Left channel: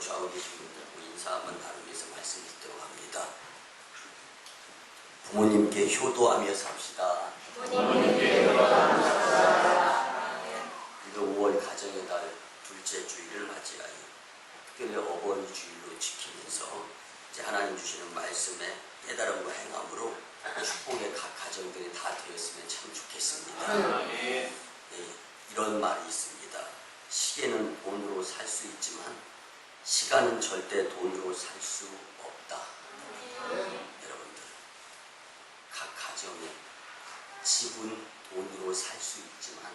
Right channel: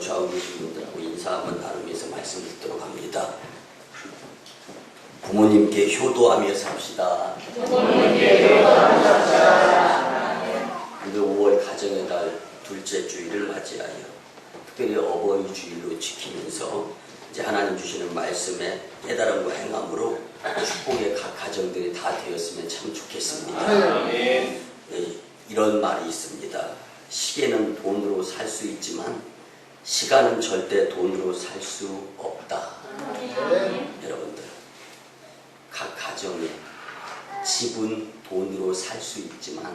좌우 계신 분들하고 인사 한번 나누면서 말씀 듣도록 합니다. 부모님께 효도하며 삽시다. 부모님께 효도하며 삽시다. 오늘 5월 가정의 달 둘째 주일을 맞이하여 특별히 어버이 주일로 지키면서 이제 하나님 주시는 말씀에 깨달음과 행함으로 축복의 각 가정들이 다 되었으면 참 좋겠습니다. 네, 이런 말이 있습니다. 시계는 돈으로 살 수 있지만 시간은 절대 돈으로 살 수 없다. 여러분들, 각 가정에 집은 돈으로 살 수 있지만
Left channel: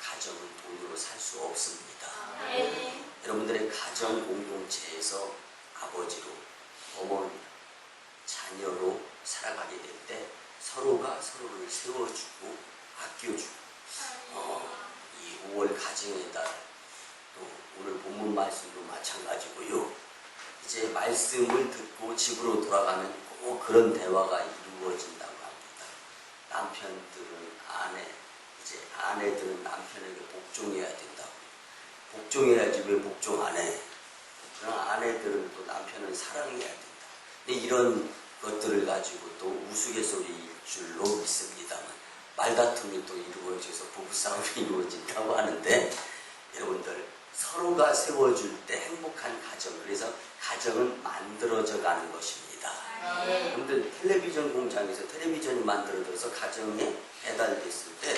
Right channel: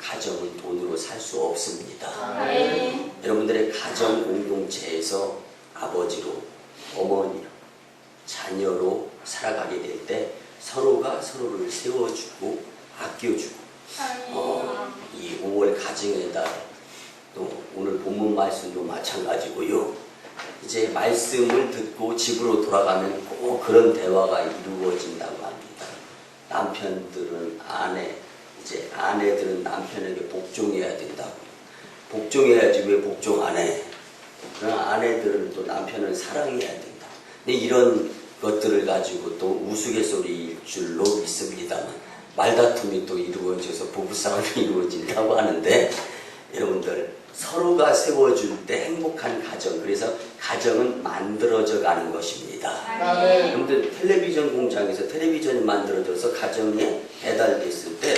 가정은 돈으로 살 수 없습니다. 여러분들의 가정 공동체에서 아버지로, 어머니로, 자녀로 살아가게 될 때 서로가 서로를 세워주고 아껴주고 이 5월 가정의 달, 또 오늘 본문 말씀도 마찬가지고요. 이제 말씀을 듣고 집으로 돌아가면 꼭 그런 대화가 이루어진다고 합니다. 남편들은 이제 아내들은 남편에게 복종해야 된다고. 복종해야지 왜 복종 안 해? 그러나 아내들은 또 남편을 사랑해야 된다. 근데 이런 것들을 가지고 또 우스갯소리일 줄로 믿습니다만 말다툼이 또 이루어져서 부부싸움이 이루어진다고 하는데, 여러분들 서로가 세워줄 때 행복한 가정, 그래서 가정은 만들어져 가는 것입니다. 여러분들 텔레비전 공장에서 텔레비전이 만들어져서 가정에 배달됐을 때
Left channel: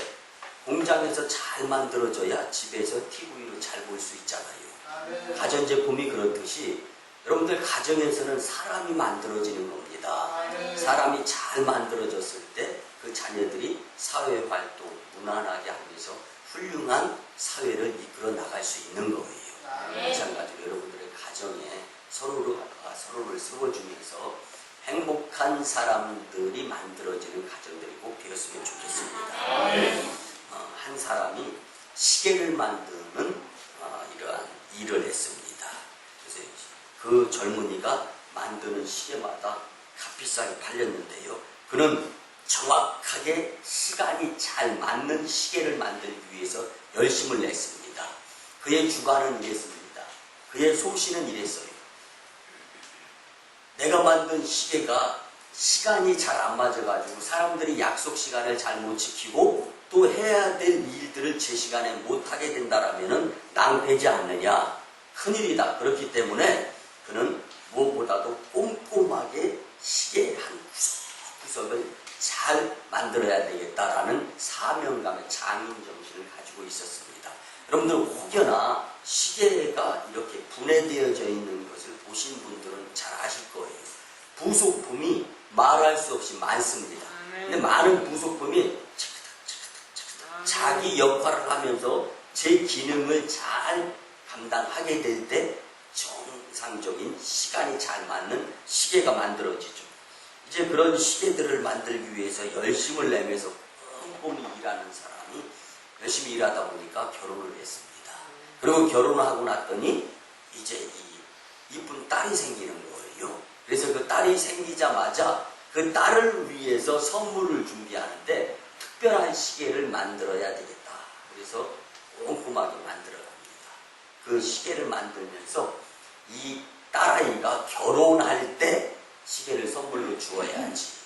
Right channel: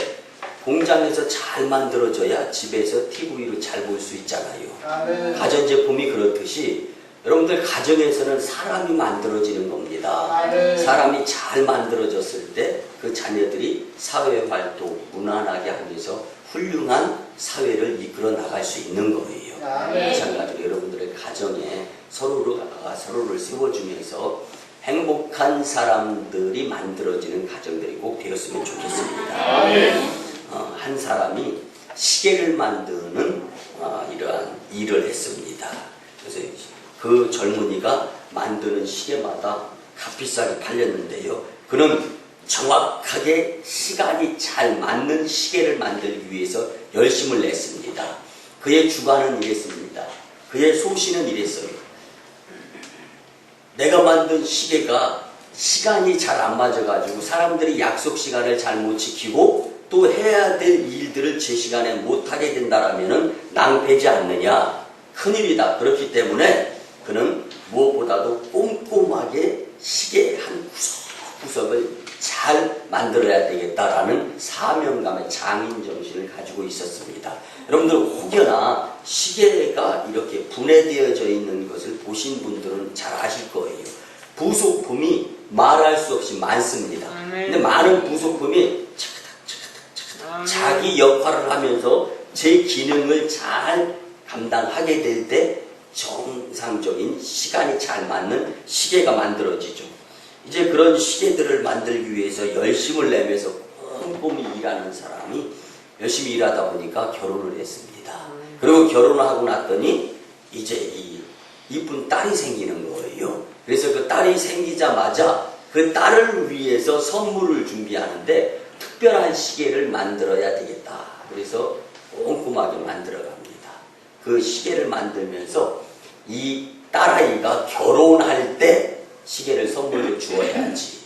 공장에서 잘 만들어져야 집에서 TV로 잘 볼 수 있잖아요. 가전제품이 그렇듯이 여러분들 가정에서는 사람이 만들어지는 겁니다. 사람이 잘 만들어졌을 때 그 자녀들이 사회활동 무난하게 하면서 훌륭한 사회를 이끌어 나갈 수 있는 거예요. 마찬가지로 여러분들의 가정에 서로를 세워주면서 행복한 사람들이 만들어지는 가정들이 꼭 되었으면 좋겠습니다. 한 사람이 시계를 만드는 이러한 일을 했습니다. 그래서 그 젊은이가 만드는 시계마다 값비싸게 팔렸는데요. 그는 정확하게 시간이 잘 맞는 시계를 만들기 위해서 열심을 냈습니다. 그의 주관은 이랬습니다. 그의 소신은 이랬어요. 내가 만든 시계가 시간이 잘 안 맞아가지고 사람들이 약속 시간을 잘 못 지키고 또 해야 될 일들을 제 시간에 못하게 된다라면 낭패지 않느냐. 큰일이다. 그렇기 때문에 그는 무엇보다도 꼼꼼하게 시계 한 구석구석을 잘 만들어야 되겠다라는 사명감의 장인 정신을 가지고 있었습니다. 여러분들 혹여나 시계가 이렇게 분해되어져 있는 것을 보신 분들은 잘 아실 거예요. 부속품이 말할 수 없이 많습니다. 근데 많은 부속품이 자기 역할을 하면서 제 기능을 잘 감당하게 될 때 정상적인 시간이 잘 맞는 시계가 만들어지죠. 이제 그런 시계들을 만들기 위해서 열심을 내면서 꼼꼼히 일하는 사람이 열심히 일하다 보니까 결혼을 했습니다. 그리고 결혼을 하고 났더니 이제 이 이쁜 딸이 생기는 거예요. 그래서 그 딸이 생기자마자 그 딸을 위해서 선물을 준비하는데 특별한 시계를 만들어야 되겠다. 그래서 꼼꼼하게 만들어 갑니다. 그 시계를 만들면서 이 딸아이가 결혼할 때 시계를 선물로 주어야지.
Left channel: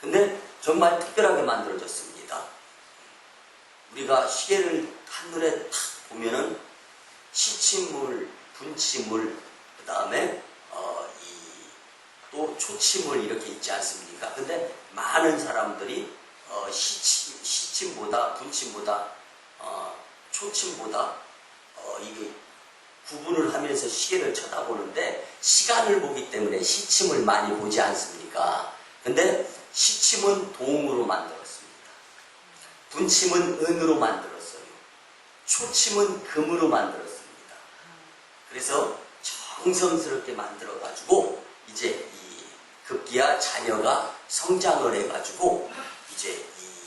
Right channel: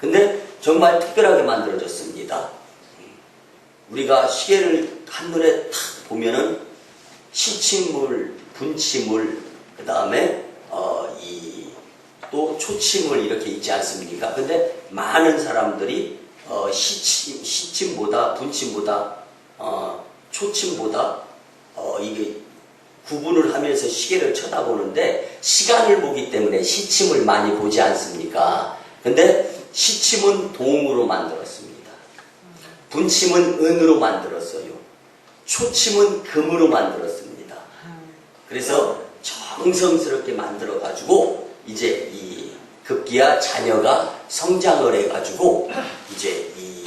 근데 정말 특별하게 만들어졌습니다. 우리가 시계를 한눈에 탁 보면은 시침물, 분침물, 그 다음에 또 초침물 이렇게 있지 않습니까? 근데 많은 사람들이 시침보다 분침보다 초침보다 이게 구분을 하면서 시계를 쳐다보는데 시간을 보기 때문에 시침을 많이 보지 않습니까? 근데 시침은 동으로 만들었습니다. 분침은 은으로 만들었어요. 초침은 금으로 만들었습니다. 그래서 정성스럽게 만들어 가지고 이제 이 급기야 자녀가 성장을 해 가지고 이제 이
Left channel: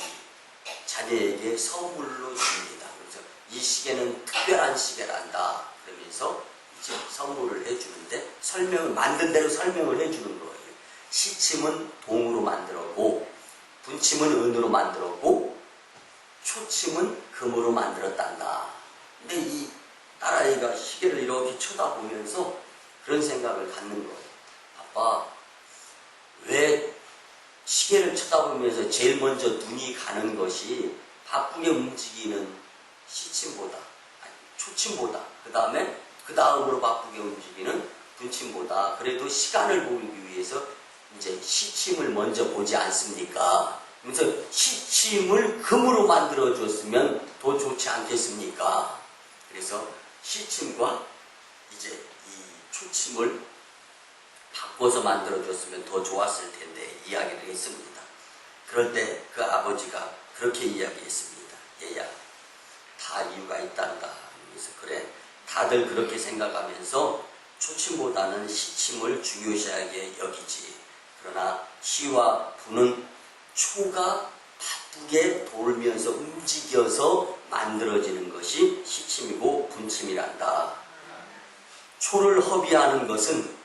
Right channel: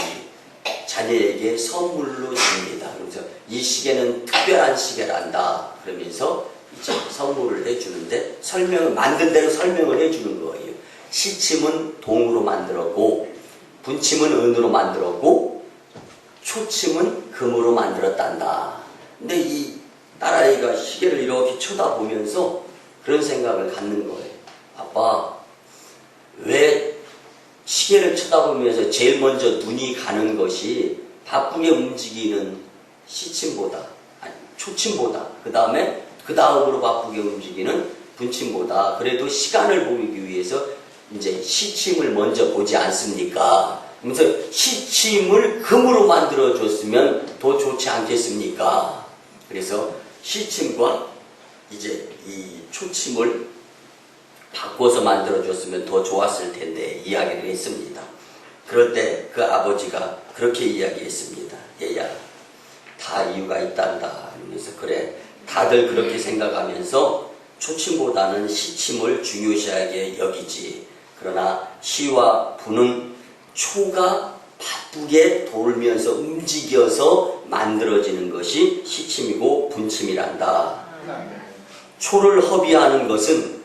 자녀에게 선물로 줍니다. 그래서 이 시계는 특별한 시계란다. 그러면서 이제 선물을 해주는데 만든 대로 설명을 해주는 거예요. 시침은 동으로 만들었고, 분침은 은으로 만들었고, 초침은 금으로 만들었단다. 근데 이 딸아이가 시계를 이렇게 쳐다보면서 그런 생각을 갖는 거예요. 아빠, 왜 시계를 쳐다보면서 제일 먼저 눈이 가는 것이 바쁘게 움직이는 시침보다, 아니, 초침보다, 그 다음으로 바쁘게 움직이는 분침보다 그래도 시간을 보기 위해서 이제 시침을 먼저 보지 않습니까? 그래서 시침을 금으로 만들어줬으면 더 좋지 않겠습니까? 그래서 시침과 이제 이 초침을 바꿔서 만들어줬으면 더 좋았을 텐데 이야기를 했습니다. 그럴 때 그 아버지가 그렇게 이야기했습니다. 얘야, 다 이유가 있단다. 그러면서 그래, 다들 그렇게 생각하면서 초침보다는 시침을 중요시하게 여기지. 그러나 시와 부는 초가 바쁘게 돌면서 움직여서 만들어지는 것이 시침이고 분침이란다. 초를 허비하는 것은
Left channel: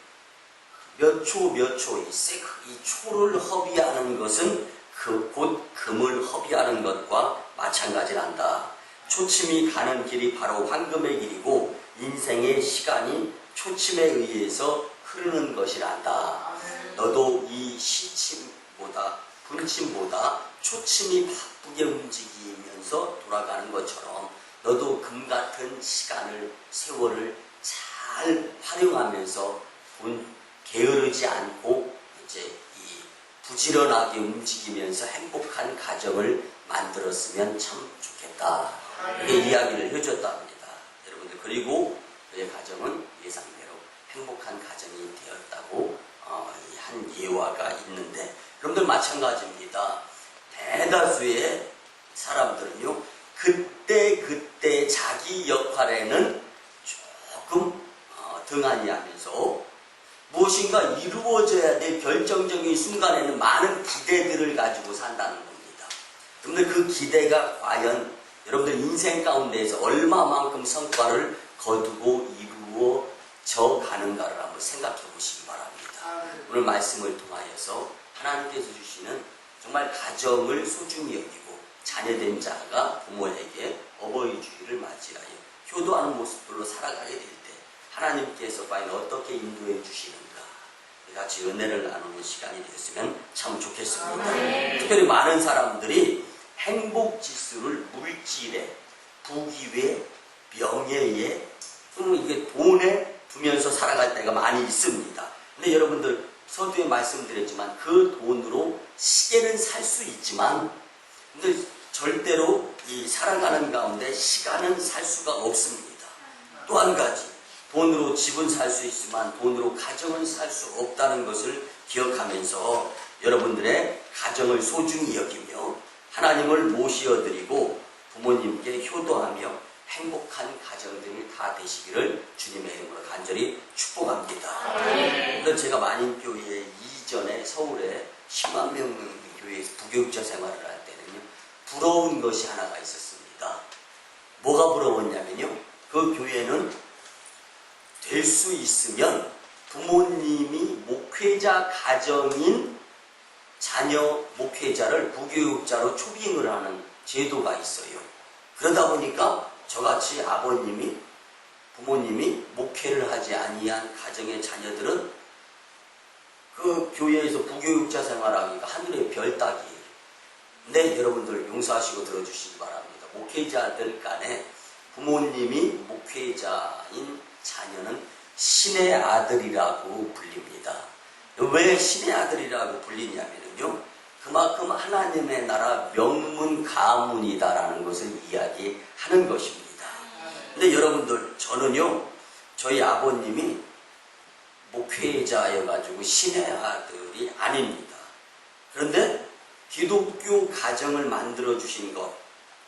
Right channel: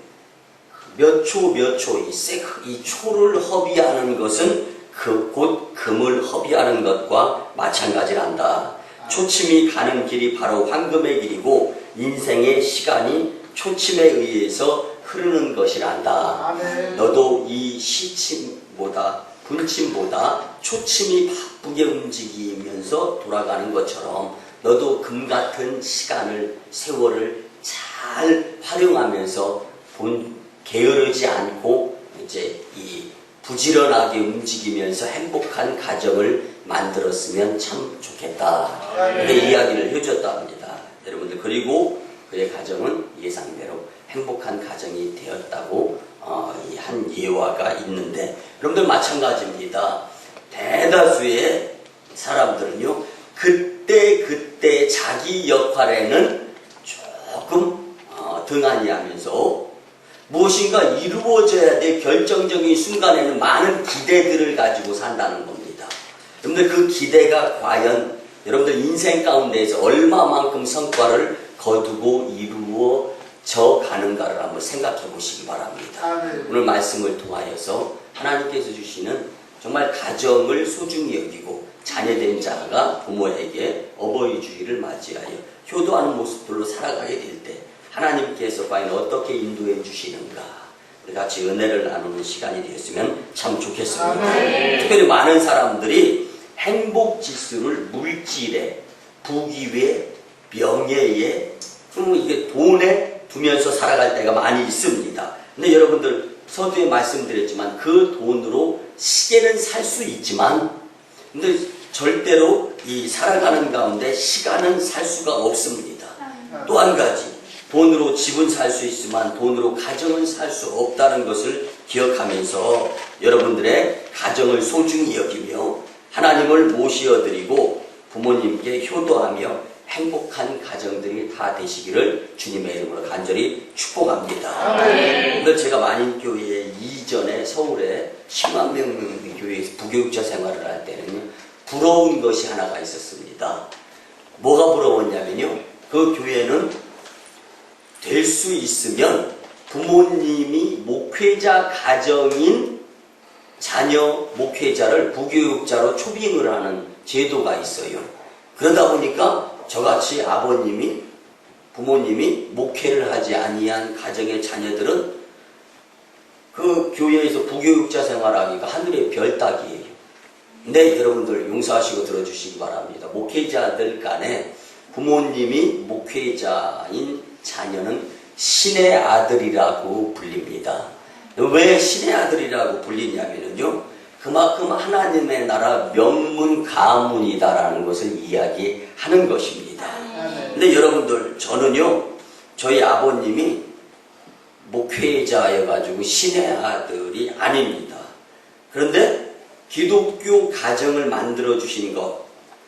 몇 초, 이 초를 허비하는 것은 곧 금을 허비하는 것과 마찬가지란다. 초침이 가는 길이 바로 황금의 길이고 인생의 시간이 초침에 의해서 흐르는 것이란다. 너도 이 시침보다 분침보다 초침이 바쁘게 움직이면서 돌아가는 것처럼 너도 금 같은 시간을, 세월을 잘 활용하면서 게으르지 않고 이제 이 부지런하게 움직이면서 행복한 가정을 만들었으면 참 좋겠다. 이렇게 이야기를 해줬다 합니다. 여러분들, 그리고 그의 가정은 예상대로 행복한 가정이 되었다고 한 예화가 있는데, 여러분들 마찬가지입니다. 대다수의 사람들은요, 그때 자기 역할에는 조금 등한히 하면서 무엇인가 이루어져야 될 결정적인 순간에는 많은 기대들을 가지고 산다는 겁니다. 여러분들, 그 기대가 과연 여러분들 인생 가운데에서 얼마만큼 성과를 거두고 이루어져 가는가를 한번 생각해 보시기 바랍니다. 오늘 말씀을 통하여서 하나님께서 주시는 정말 가정을 소중히 여기고 자녀된 자가 부모에게 어버이 주일을 맞이하여 효도하는 모습들로 살아가게 될 때 하나님께서 과연 어떻게 인도해 주시는가, 같이 은혜를 나누는 시간이 되었으면 참 좋겠습니다. 특별히 많은 사람들이 행복 지수를 물질에, 부귀에, 명예에, 이게 돈에 두면서 살아갈 때가 많이 있습니다. 근데 여러분들, 서두에 말씀드렸지만 그 돈으로 시계는 살 수 있지만 근데 절대로 이 살아가는 가운데 시간은 살 수가 없습니다. 또 한 가지, 돈으로 집은 살 수 있지만 돈으로 가정은 살 수 없다는 것을 기억하면서 여러분들의 가정을 소중히 여기며 하나님을 모시어드리고 부모님께 효도하며 행복한 가정들이 다 되시기를 주님의 이름으로 간절히 축복합니다. 오늘 제가 만인교회 이전에 서울에 10만 명 교회에서 부교육자 생활을 할 때는요, 부러운 것이 하나가 있었습니다. 뭐가 부러웠냐면요, 그 교회는 될 수 있으면 부모님이 목회자 가정인 자녀 목회자를 부교육자로 초빙을 하는 제도가 있어요. 그러다 보니까 저같이 부모님이 목회를 하지 아니한 가정의 자녀들은 그 교회에서 부교육자 생활하기가 하늘의 별 따기예요. 근데 여러분들 용서하시고 들어주시기 바랍니다. 목회자들 간에 부모님이 목회자인 자녀는 신의 아들이라고 불립니다. 왜 신의 아들이라고 불리냐면요, 그만큼 하나님의 나라 명문 가문이다라는 것을 이야기하는 것입니다. 근데 여러분들, 저는요, 저희 아버님이 목회자여가지고 신의 아들이 아닙니다. 그런데 기독교 가정을 만들어 주신 것,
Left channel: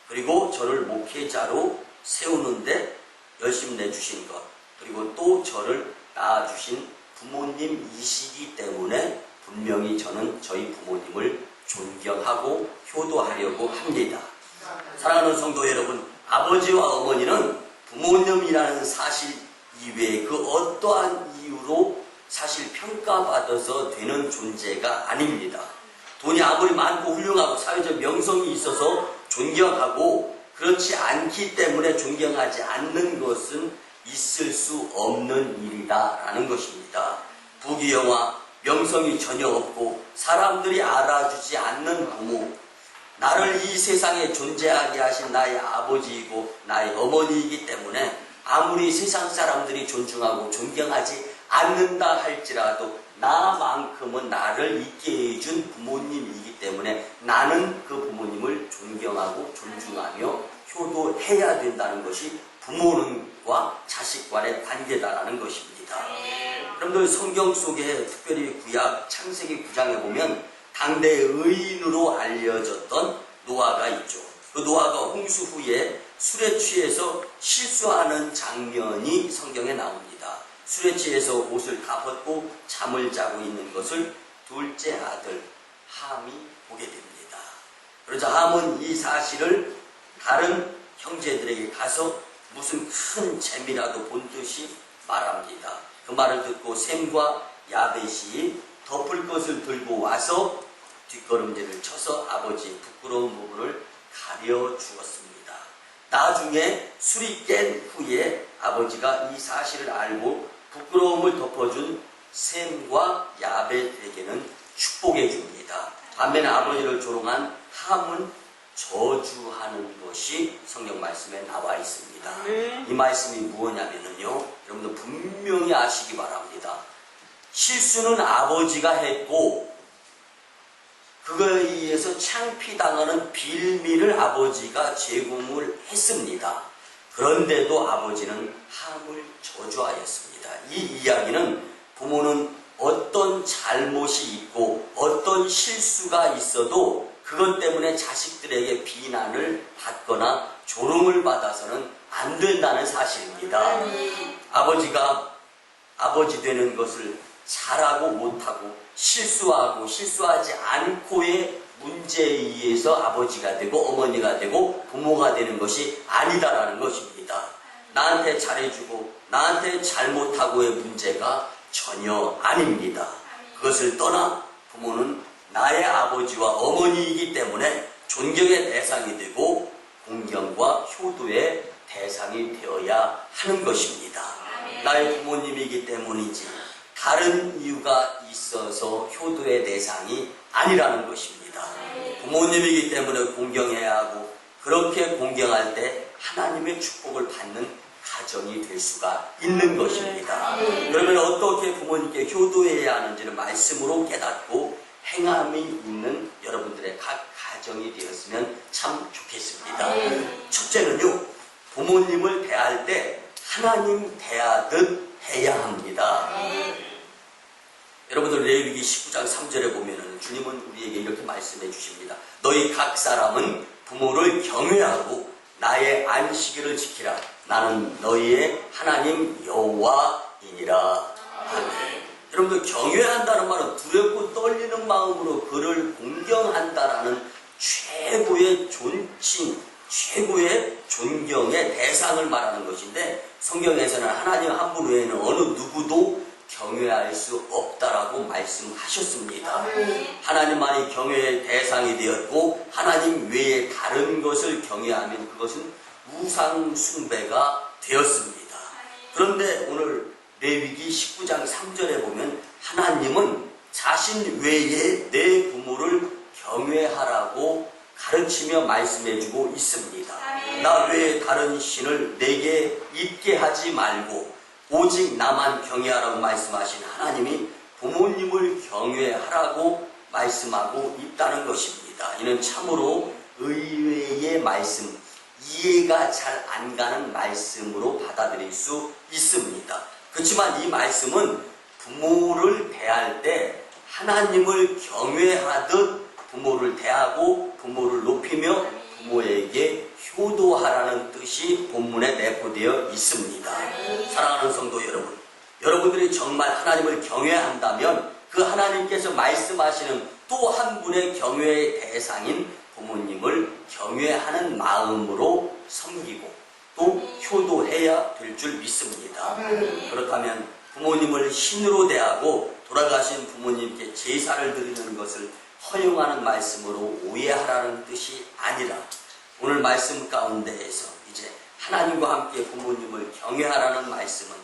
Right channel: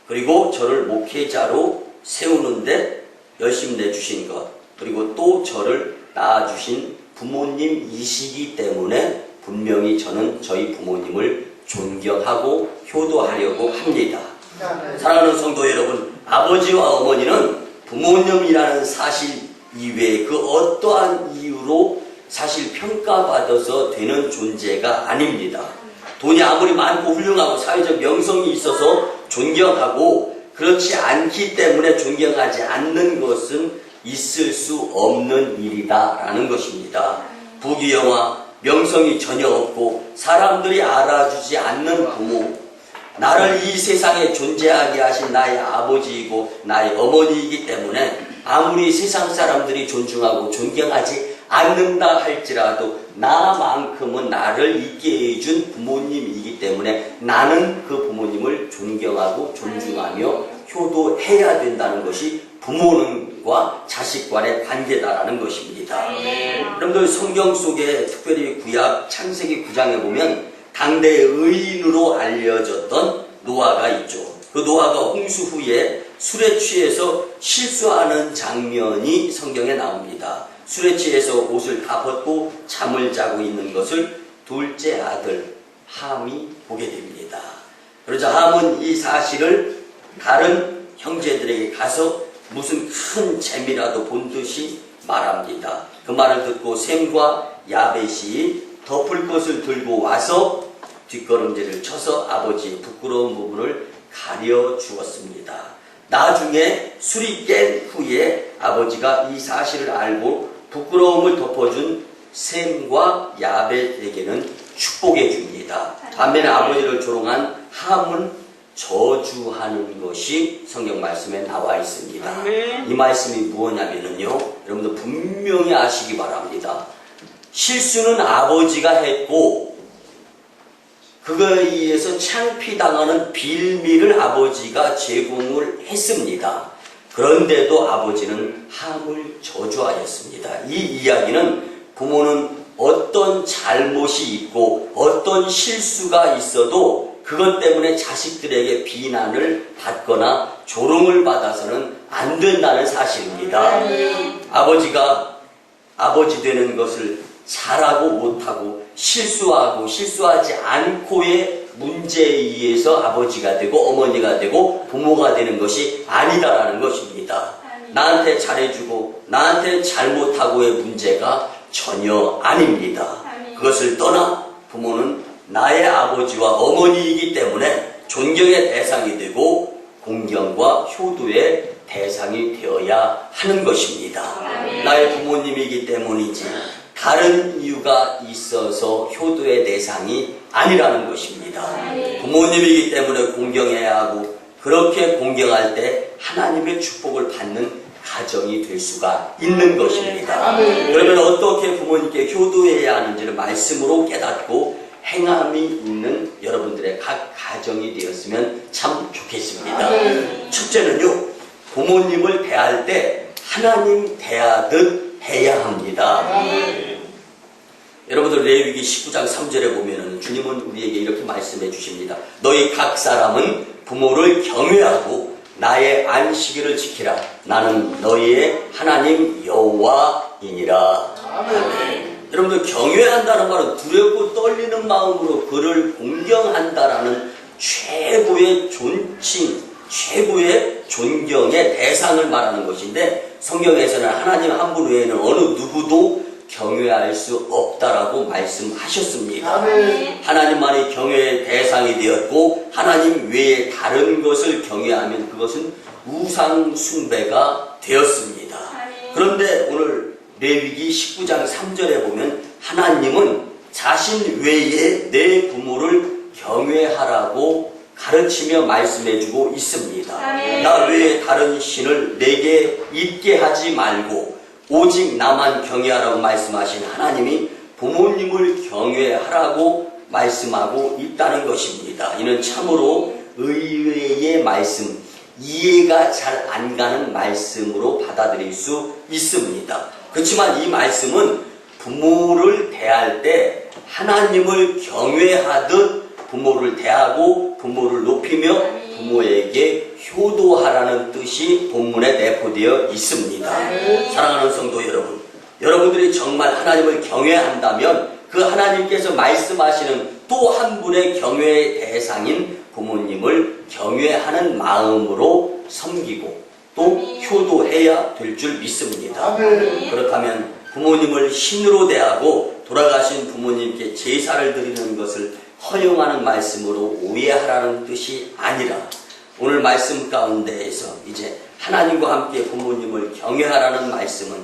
그리고 저를 목회자로 세우는데 열심 내주신 것, 그리고 또 저를 낳아주신 부모님이시기 때문에 분명히 저는 저희 부모님을 존경하고 효도하려고 합니다. 사랑하는 성도 여러분, 아버지와 어머니는 부모님이라는 사실 이외에 그 어떠한 이유로 사실 평가받아서 되는 존재가 아닙니다. 돈이 아무리 많고 훌륭하고 사회적 명성이 있어서 존경하고 그렇지 않기 때문에 존경하지 않는 것은 있을 수 없는 일이다라는 것입니다. 부귀영화, 명성이 전혀 없고 사람들이 알아주지 않는 부모, 나를 이 세상에 존재하게 하신 나의 아버지이고 나의 어머니이기 때문에 아무리 세상 사람들이 존중하고 존경하지 않는다 할지라도 나만큼은 나를 있게 해준 부모님이기 때문에 나는 그 부모님을 존경하고 존중하며 효도해야 된다는 것이 부모님과 자식 간의 관계다라는 것입니다. 여러분들 성경 속에 특별히 구약 창세기 9장에 보면 당대 의인으로 알려졌던 노아가 있죠. 그 노아가 홍수 후에 술에 취해서 실수하는 장면이 성경에 나옵니다. 술에 취해서 옷을 다 벗고 잠을 자고 있는 것을 둘째 아들 함이 보게 됩니다. 그러자 함은 이 사실을 다른 형제들에게 가서 무슨 큰 재미라도 본 듯이 말합니다. 그 말을 듣고 셈과 야벳이 덮을 것을 들고 와서 뒷걸음질을 쳐서 아버지의 부끄러운 부분을 가려 주었습니다. 나중에 술이 깬 후에 아버지가 이 사실을 알고 부끄러움을 덮어준 셈과 야벳에게는 축복해 줍니다. 반면에 아버지를 조롱한 함은 저주하는 것이 성경 말씀에 나와 있습니다. 이 말씀이 무엇냐면요, 여러분들 분명히 아시기 바랍니다. 실수는 아버지가 했고 그거에 의해서 창피당하는 빌미를 아버지가 제공을 했습니다. 그런데도 아버지는 함을 저주하였습니다. 이 이야기는 부모는 어떤 잘못이 있고 어떤 실수가 있어도 그것 때문에 자식들에게 비난을 받거나 조롱을 받아서는 안 된다는 사실입니다. 아버지가 아버지 되는 것을 잘하고 못하고 실수하고 실수하지 않고의 문제에 의해서 아버지가 되고 어머니가 되고 부모가 되는 것이 아니다라는 것입니다. 나한테 잘해주고 나한테 잘못하고의 문제가 전혀 아닙니다. 그것을 떠나 부모는 나의 아버지와 어머니이기 때문에 존경의 대상이 되고 공경과 효도의 대상이 되어야 하는 것입니다. 나의 부모님이기 때문이지 다른 이유가 있어서 효도의 대상이 아니라는 것입니다. 부모님이기 때문에 공경해야 하고 그렇게 공경할 때 하나님의 축복을 받는 가정이 될 수가 있는 것입니다. 그러면 어떻게 부모님께 효도해야 하는지를 말씀으로 깨닫고 행함이 있는 여러분들의 각 가정이 되었으면 참 좋겠습니다. 첫째는요, 부모님을 대할 때 하나님 대하듯 해야 합니다. 여러분들 레위기 19장 3절에 보면은 주님은 우리에게 이렇게 말씀해 주십니다. 너희 각 사람은 부모를 경외하고 나의 안식일을 지키라. 나는 너희의 하나님 여호와이니라. 아멘. 여러분들 경외한다는 말은 두렵고 떨리는 마음으로 그를 공경한다라는 최고의 존칭, 최고의 존경의 대상을 말하는 것인데 성경에서는 하나님 한 분 외에는 어느 누구도 경외할 수 없다라고 말씀하셨습니다. 하나님만이 경외의 대상이 되었고 하나님 외에 다른 것을 경외하면 그것은 우상 숭배가 되었습니다. 그런데 오늘 레위기 19장 3절에 보면 하나님은 자신 외에 내 부모를 경외하라고 가르치며 말씀해주고 있습니다. 나 외에 다른 신을 내게 있게 하지 말고 오직 나만 경외하라고 말씀하신 하나님이 부모님을 경외하라고 말씀하고 있다는 것입니다. 이는 참으로 의외의 말씀, 이해가 잘 안 가는 말씀으로 받아들일 수 있습니다. 그렇지만 이 말씀은 부모를 대할 때 하나님을 경외하듯 부모를 대하고 부모를 높이며 부모에게 효도하라는 뜻이 본문에 내포되어 있습니다. 사랑하는 성도 여러분, 여러분들이 정말 하나님을 경외한다면 그 하나님께서 말씀하시는 또 한 분의 경외의 대상인 부모님을 경외하는 마음으로 섬기고 또 효도해야 될 줄 믿습니다. 그렇다면 부모님을 신으로 대하고 돌아가신 부모님께 제사를 드리는 것을 허용하는 말씀으로 오해하라는 뜻이 아니라 오늘 말씀 가운데에서 이제 하나님과 함께 부모님을 경외하라는 말씀은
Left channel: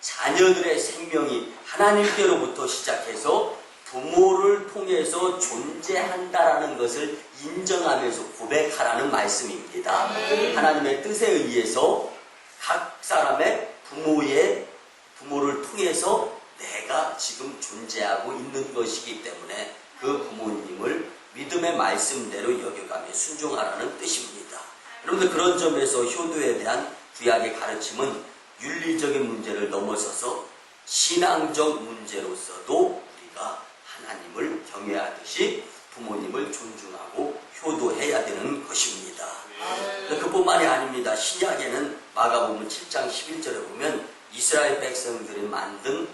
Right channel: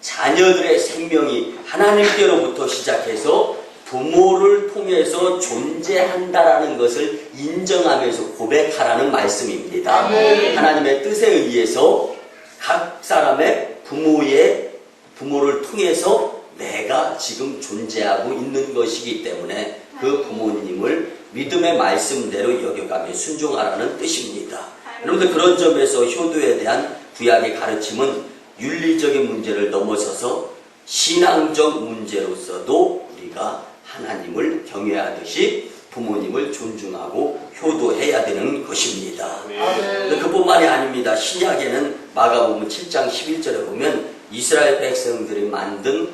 자녀들의 생명이 하나님께로부터 시작해서 부모를 통해서 존재한다라는 것을 인정하면서 고백하라는 말씀입니다. 하나님의 뜻에 의해서 각 사람의 부모를 통해서 내가 지금 존재하고 있는 것이기 때문에 그 부모님을 믿음의 말씀대로 여겨가며 순종하라는 뜻입니다. 여러분들 그런 점에서 효도에 대한 구약의 가르침은 윤리적인 문제를 넘어서서 신앙적 문제로서도 우리가 하나님을 경외하듯이 부모님을 존중하고 효도해야 되는 것입니다. 그뿐만이 아닙니다. 신약에는 마가복음 7장 11절에 보면 이스라엘 백성들이 만든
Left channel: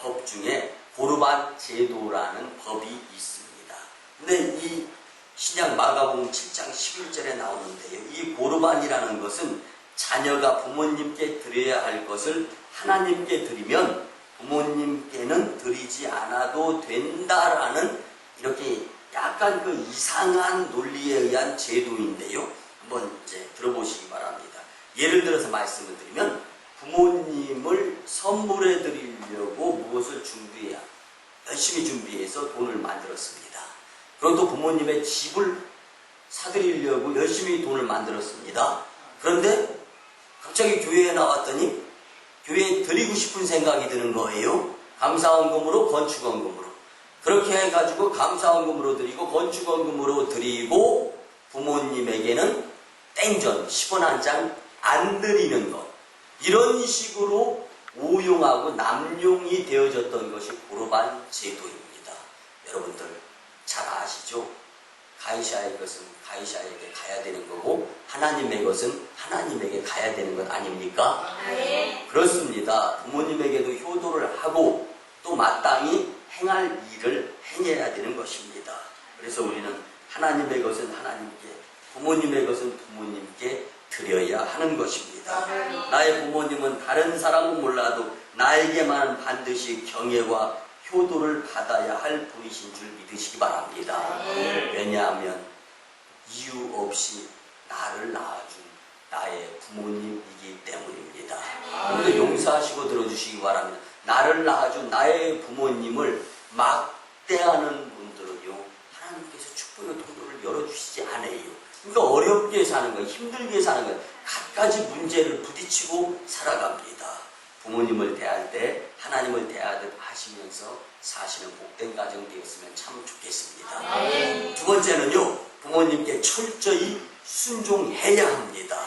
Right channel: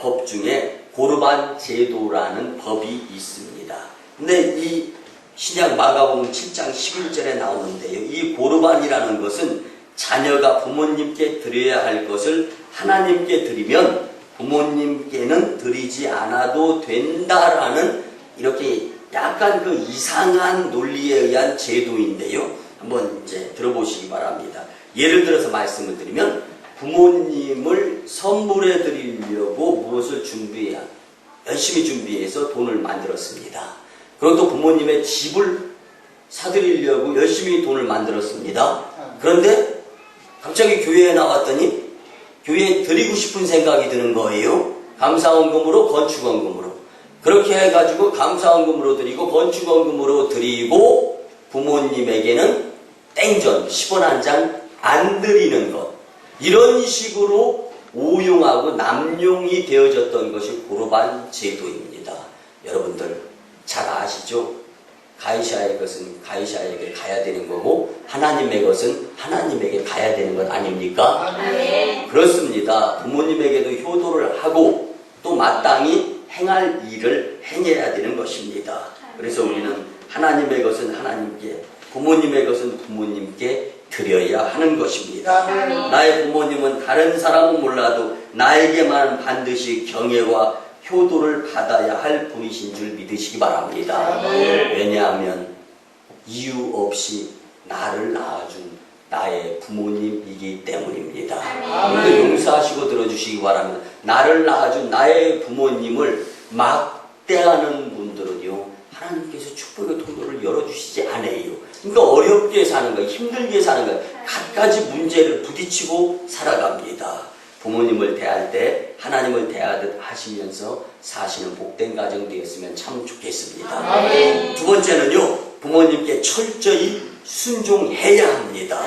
법 중에 고르반 제도라는 법이 있습니다. 근데 이 신약 마가복음 7장 11절에 나오는데요. 이 고르반이라는 것은 자녀가 부모님께 드려야 할 것을 하나님께 드리면 부모님께는 드리지 않아도 된다라는 이렇게 약간 그 이상한 논리에 의한 제도인데요. 한번 이제 들어보시기 바랍니다. 예를 들어서 말씀을 드리면 부모님을 선물해 드리려고 무엇을 열심히 준비해서 돈을 만들었습니다. 그리고 또 부모님의 집을 사드리려고 열심히 돈을 만들었습니다. 그런데 갑자기 교회에 나왔더니 교회에 드리고 싶은 생각이 드는 거예요. 감사원금으로 건축원금으로. 그렇게 해가지고 감사원금으로 드리고 건축원금으로 드리고 부모님에게는 땡전 10원 한 장 안 드리는 것. 이런 식으로 오용하고 남용이 되어졌던 것이 고르반 제도입니다. 여러분들 잘 아시죠? 가이샤의 것은 가이샤에게 가야 되는 거고 하나님의 것은 하나님에게 가야 되는 것 아닙니까? 네. 그렇습니다. 부모님에게도 효도를 하고 또 마땅히 행할 일을 행해야 되는 것입니다. 그래서 우리는 하나님의 것은 하나님께, 부모님의 것은 부모님께 드려야 하는 것입니다. 나의 부모님은 다른 사람은 몰라도 나에게만 반드시 경애와 효도를 받아야 할 분이신 줄 믿으시기 바랍니다. 왜냐하면 이유 없이 나를 낳아준 나의 부모님이기 때문입니다. 오늘도 용서하시고 들어주시기 바랍니다. 나를 낳아준 나의 부모님을 막대하는 분들은요, 하나님께서 축복의 통로를 열어주시지 않아요. 그러니까 어렵게 사는 거예요. 힘들게 사는 거예요. 갖가지 문제를 부딪히고 살아갑니다. 부모님을 대할 때 하나님을 대하듯 하시면서 사시는 복된 가정 되었으면 참 좋겠습니다. 두 번째는요, 부모님께 철저히 순종해야 합니다.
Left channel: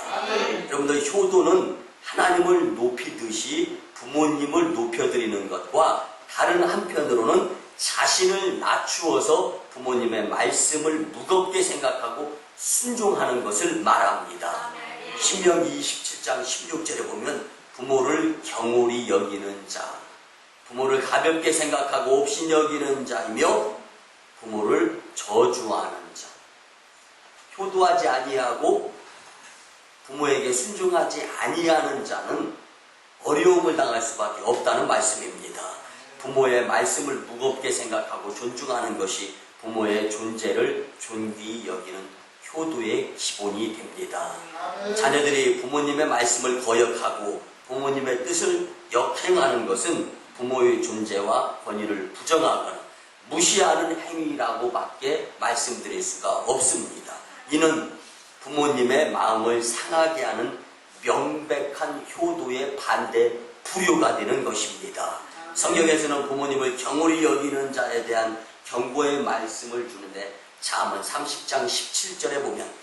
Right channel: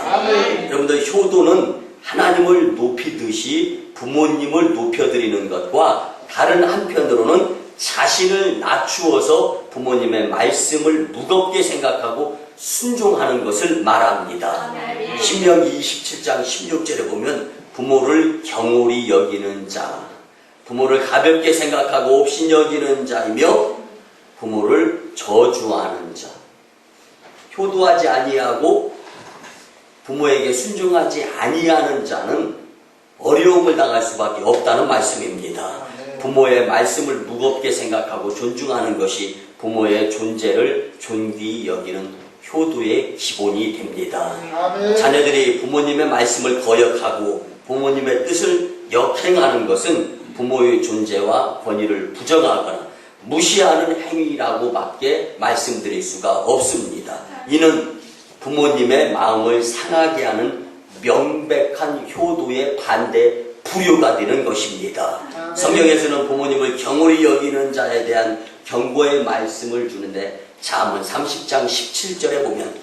여러분들 효도는 하나님을 높이듯이 부모님을 높여드리는 것과 다른 한편으로는 자신을 낮추어서 부모님의 말씀을 무겁게 생각하고 순종하는 것을 말합니다. 신명기 27장 16절에 보면 부모를 경홀히 여기는 자, 부모를 가볍게 생각하고 없이 여기는 자이며 부모를 저주하는 자, 효도하지 아니하고 부모에게 순종하지 아니하는 자는 어려움을 당할 수밖에 없다는 말씀입니다. 부모의 말씀을 무겁게 생각하고 존중하는 것이 부모의 존재를 존귀히 여기는 효도의 기본이 됩니다. 자녀들이 부모님의 말씀을 거역하고 부모님의 뜻을 역행하는 것은 부모의 존재와 권위를 부정하거나 무시하는 행위라고밖에 말씀드릴 수가 없습니다. 이는 부모님의 마음을 상하게 하는 명백한 효도의 반대 불효가 되는 것입니다. 성경에서는 부모님을 경홀히 여기는 자에 대한 경고의 말씀을 주는데 잠언 30장 17절에 보면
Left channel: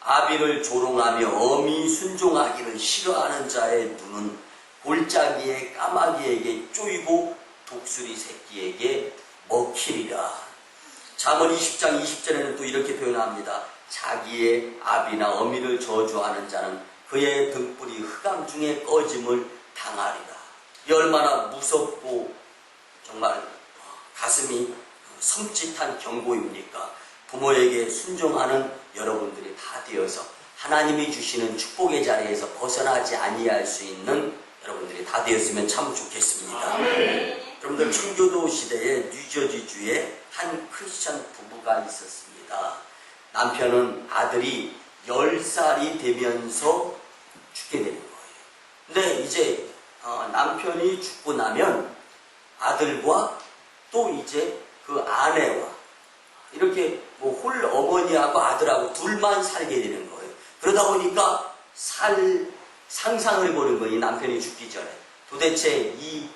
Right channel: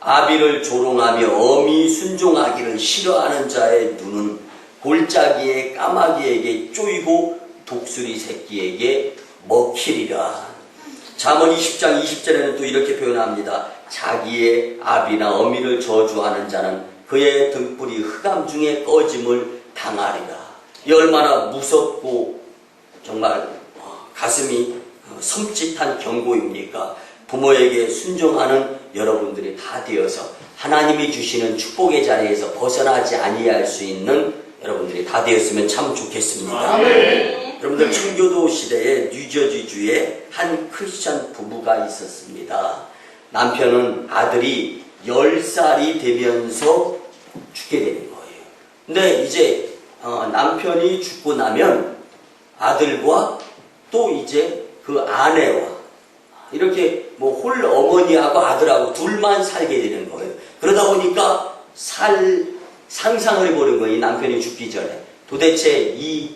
아비를 조롱하며 어미 순종하기를 싫어하는 자의 눈은 골짜기의 까마귀에게 쪼이고 독수리 새끼에게 먹히리라. 잠언 20장 20절에는 또 이렇게 표현합니다. 자기의 아비나 어미를 저주하는 자는 그의 등불이 흑암 중에 꺼짐을 당하리라. 이 얼마나 무섭고 정말 가슴이 섬찟한 경고입니까? 부모에게 순종하는 여러분들이 다 되어서 하나님이 주시는 축복의 자리에서 벗어나지 아니할 수 있는 여러분들이 다 되었으면 참 좋겠습니다. 여러분들 청교도 시대에 뉴저지주에 한 크리스천 부부가 있었습니다. 남편은 아들이 10살이 되면서 죽게 되는 거예요. 근데 이제 남편이 죽고 나면 아들과 또 이제 그 아내와 이렇게 뭐 홀 어머니하고 아들하고 둘만 살게 되는 거예요. 그러다 보니까 상상을 해보는 거예요. 이 남편이 죽기 전에 도대체 이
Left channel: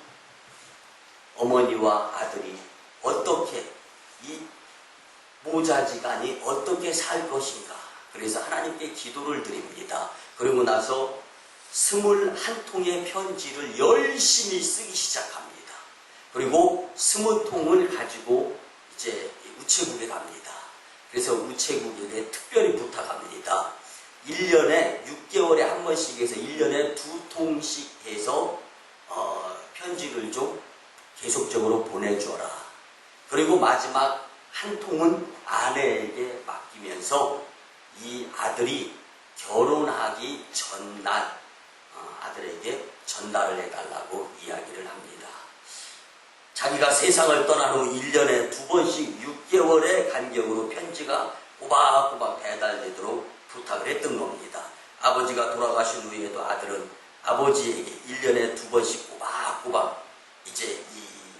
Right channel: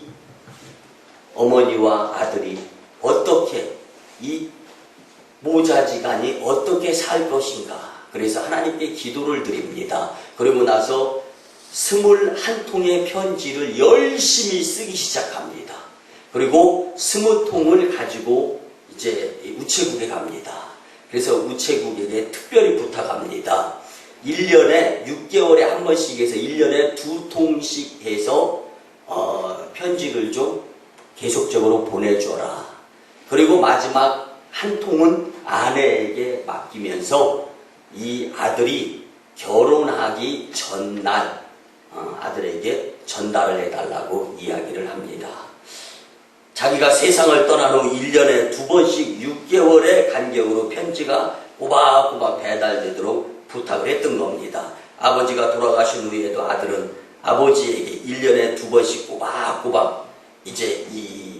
어머니와 아들이 어떻게 이 모자지간이 어떻게 살 것인가. 그래서 하나님께 기도를 드립니다. 그리고 나서 21통의 편지를 열심히 쓰기 시작합니다. 그리고 20통을 가지고 이제 우체국에 갑니다. 그래서 우체국에게 특별히 부탁합니다. 1년에 6개월에 한 번씩 해서 1년에 2통씩 해서 편지를 좀 계속적으로 보내줘라. 그리고 마지막 한 통은 아내에게 맡기면서 이 아들이 결혼하기 전날 아들에게 전달을 해달라고 이야기를 합니다. 자기가 세상을 떠난 후 1년에 2번씩 6개월의 간격으로 편지가 꼬박꼬박 배달되도록 부탁을 했던 겁니다. 아버지가 돌아가신 후에도 아들은 아버지에게 1년에 2번씩 꼬박꼬박 이제 이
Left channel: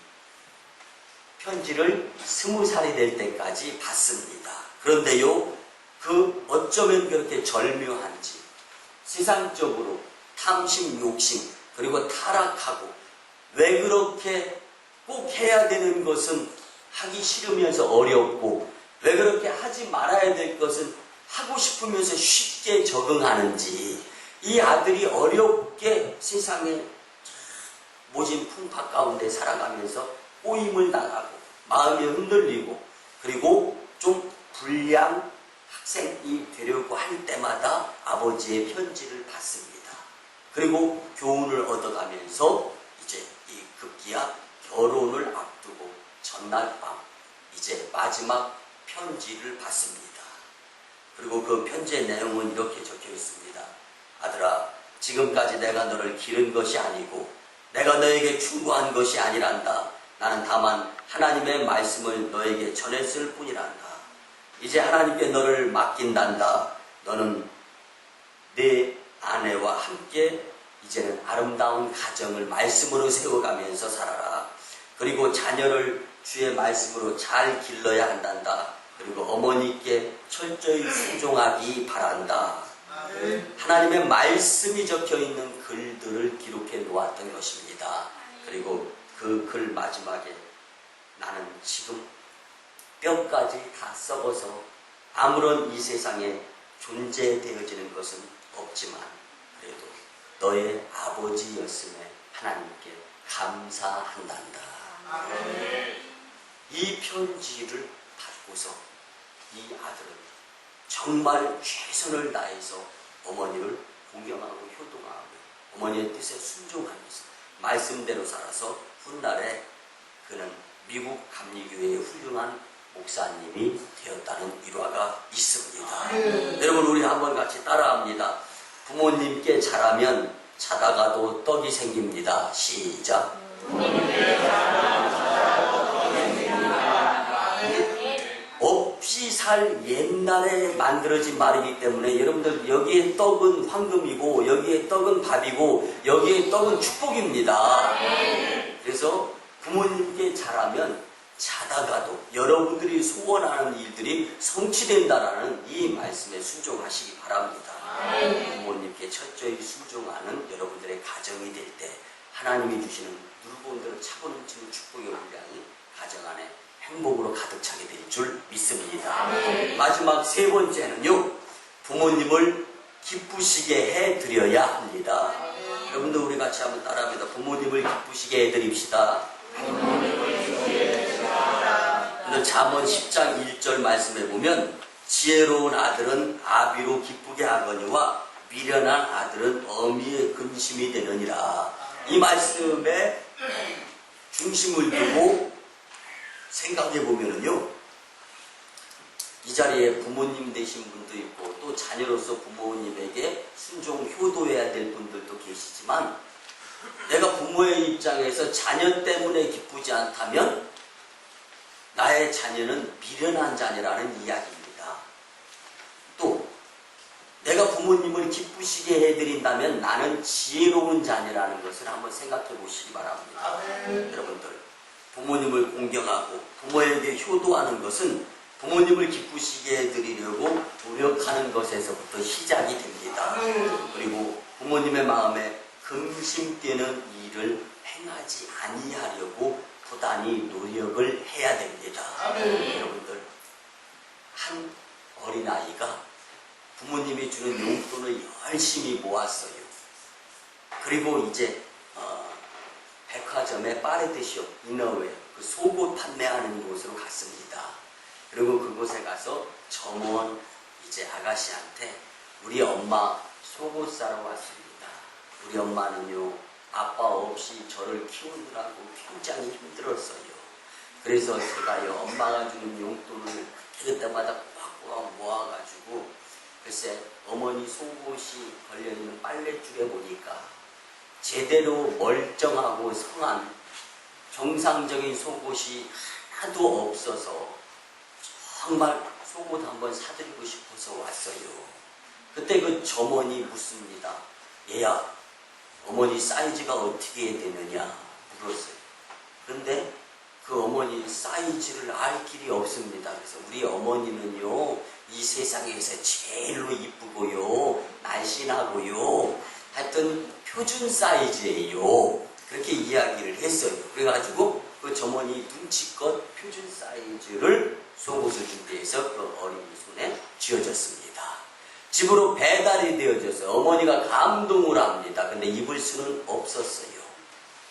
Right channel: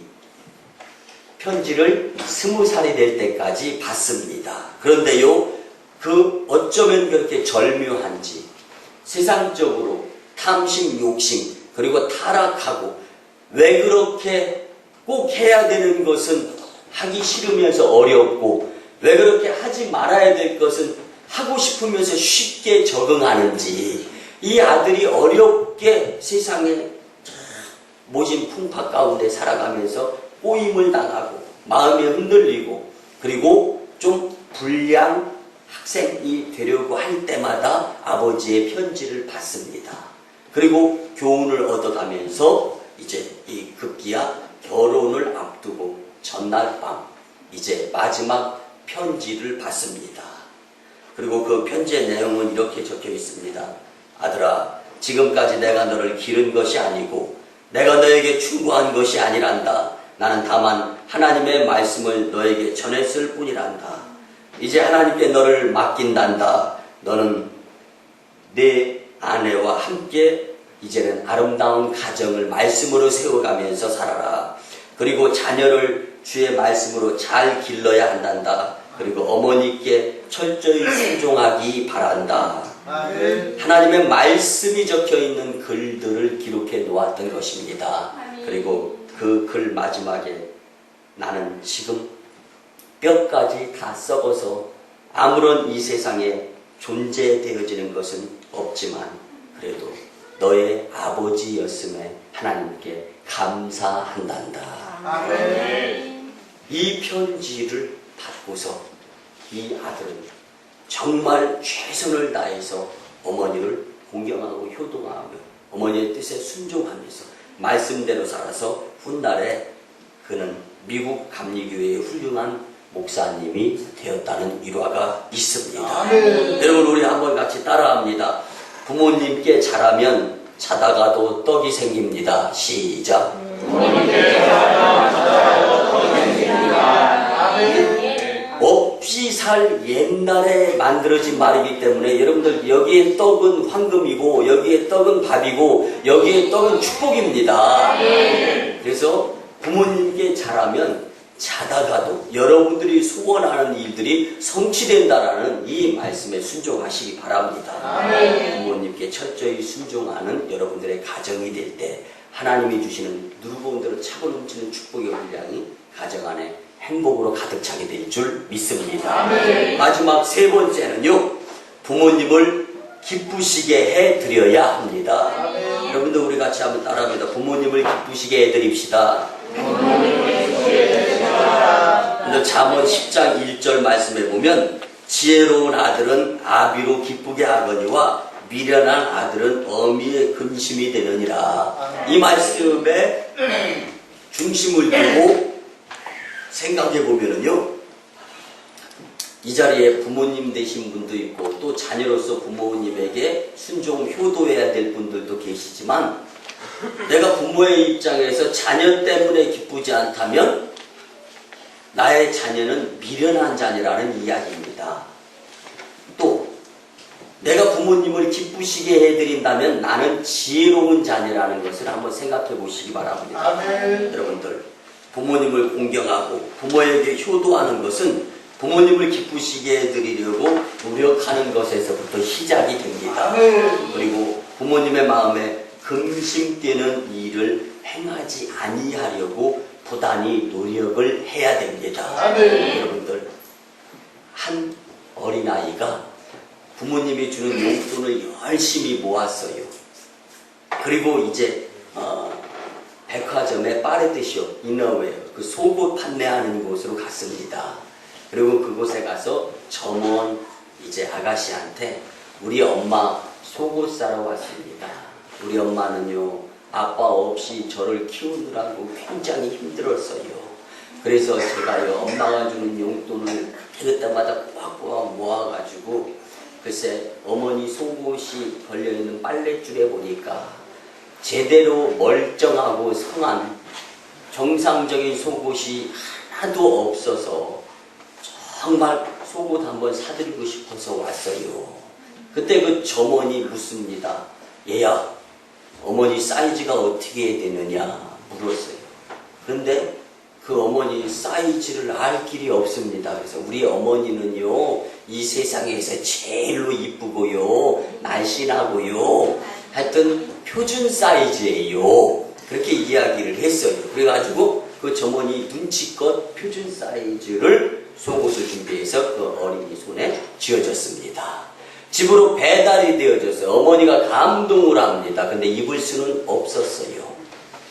편지를 20살이 될 때까지 받습니다. 그런데요, 그 어쩌면 그렇게 절묘한지 세상적으로 탐심, 욕심, 그리고 타락하고 왜 그렇게 꼭 해야 되는 것은 하기 싫으면서 어렵고 왜 그렇게 하지 말아야 될 것은 하고 싶으면서 쉽게 적응하는지 이 아들이 어렵게 세상에 모진 풍파 가운데 살아가면서 꼬임을 당하고 마음이 흔들리고 그리고 좀 불량 학생이 되려고 할 때마다 아버지의 편지를 받습니다. 그리고 교훈을 얻어가면서 이제 이 급기야 결혼을 앞두고 전날 밤 이제 마지막 편지를 받습니다. 그리고 그 편지의 내용은 이렇게 적혀 있습니다. 아들아, 지금까지 내가 너를 기른 것이 아니고 내가 너에게 충고한 것이 아니란다. 나는 다만 하나님의 말씀을 너에게 전했을 뿐이란다. 이제 하나님께 너를 맡긴단다. 너는 내 아내와 함께 이제는 아름다운 가정을 말씀으로 세워가면서 살아라. 그리고 자녀를 주의 말씀으로 잘 길러야 한단다. 그리고 어머니께 철저히 순종하기 바란다. 하나님의 말씀이 적혀있는 글들을 기록해 놓았던 것입니다. 그리고 그 글 마지막에 나는 지금 뼈까지 다 썩어서 아무런 이 세상에 존재되어지는 것은 없지만 그래도 너의 아버지였음에 하나님께 감사한단다. 이 편지를 받고서 이 아들은 정말 최선을 다해서 어머니를 공경하고 효동하며 어머니의 뜻에 순종하면서 말씀대로 살아서 훗날에 그는 미국 감리교회의 훌륭한 목사님이 되었다는 일화가 있습니다. 여러분 우리 한번 같이 따라합니다. 부모님께 잘하면 자다가도 떡이 생깁니다. 시작. 부모님께 잘하면 자다가도 떡이 생깁니다. 없이 살 옛날에 만들어진 말이기 때문에 여러분들 여기에 떡은 황금이고 여기에 떡은 밥이고 여기에 떡은 축복입니다. 그래서 부모님께 잘하면 자다가도 여러분들이 소원하는 일들이 성취된다라는 이 말씀에 순종하시기 바랍니다. 부모님께 철저히 순종하는 여러분들의 가정이 될 때 하나님이 주시는 누르고 대로 차고 넘치는 축복의 분량이 가정 안에 행복으로 가득 차게 될 줄 믿습니다. 마지막 세 번째는요, 부모님을 기쁘시게 해드려야 합니다. 여러분들 우리 같이 한번 따라합니다. 부모님을 기쁘시게 해드립시다. 근데 잠언 10장 1절 말씀에 보면 지혜로운 아들은 아비로 기쁘게 하거니와 미련한 아들은 어미의 근심이 되느니라. 이 말씀에 중심을 두고 생각해 보면은요, 이 자리에 부모님 되신 분도 있고 또 자녀로서 부모님에게 순종 효도해야 될 분들도 계시지만 내가 부모의 입장에서 자녀 때문에 기쁘지 않다면 나의 자녀는 미련한 자녀라는 이야기입니다. 또 내가 부모님을 기쁘시게 해드린다면 나는 지혜로운 자녀라는 것을 한번 생각해 보시기 바랍니다. 여러분들, 부모님을 공경하고 부모에게 효도하는 것은 부모님을 기쁘시게 해드리려고 노력하는 것에서부터 시작이 됩니다. 그리고 부모님의 마음에 금심되는 일을 행하지 아니하려고 부단히 노력을 해야 됩니다. 여러분들, 한 어린아이가 부모님이 주는 용돈을 열심히 모았어요. 그리고 이제 백화점에 빠르듯이요, 이너웨어, 그 속옷 판매하는 곳으로 갔습니다. 그리고 그곳에 가서 점원 이제 아가씨한테 우리 엄마 속옷 사러 왔습니다. 우리 엄마는요, 아빠 없이 저를 키우느라고 굉장히 힘들었어요. 그래서 제가요, 엄마가 주는 용돈을 그때마다 꽉꽉 모아가지고 글쎄 어머니 속옷이 걸려있는 빨랫줄에 보니까 제대로 멀쩡하고 성한 정상적인 속옷이 하나도 없어서 정말 속옷 한번 사드리고 싶어서 왔어요. 그때 그 점원이 묻습니다. 얘야, 어머니 사이즈가 어떻게 되느냐 물었어요. 그런데 그 어머니 사이즈를 알 길이 없습니다. 그래서 우리 어머니는요, 이 세상에서 제일로 이쁘고요, 날씬하고요, 하여튼 표준 사이즈예요. 그렇게 이야기를 했어요. 그래가지고 그 점원이 눈치껏 표준 사이즈를 속옷을 준비해서 그 어린이 손에 쥐어줬습니다. 집으로 배달이 되어져서 어머니가 감동을 합니다. 근데 입을 수는 없었어요.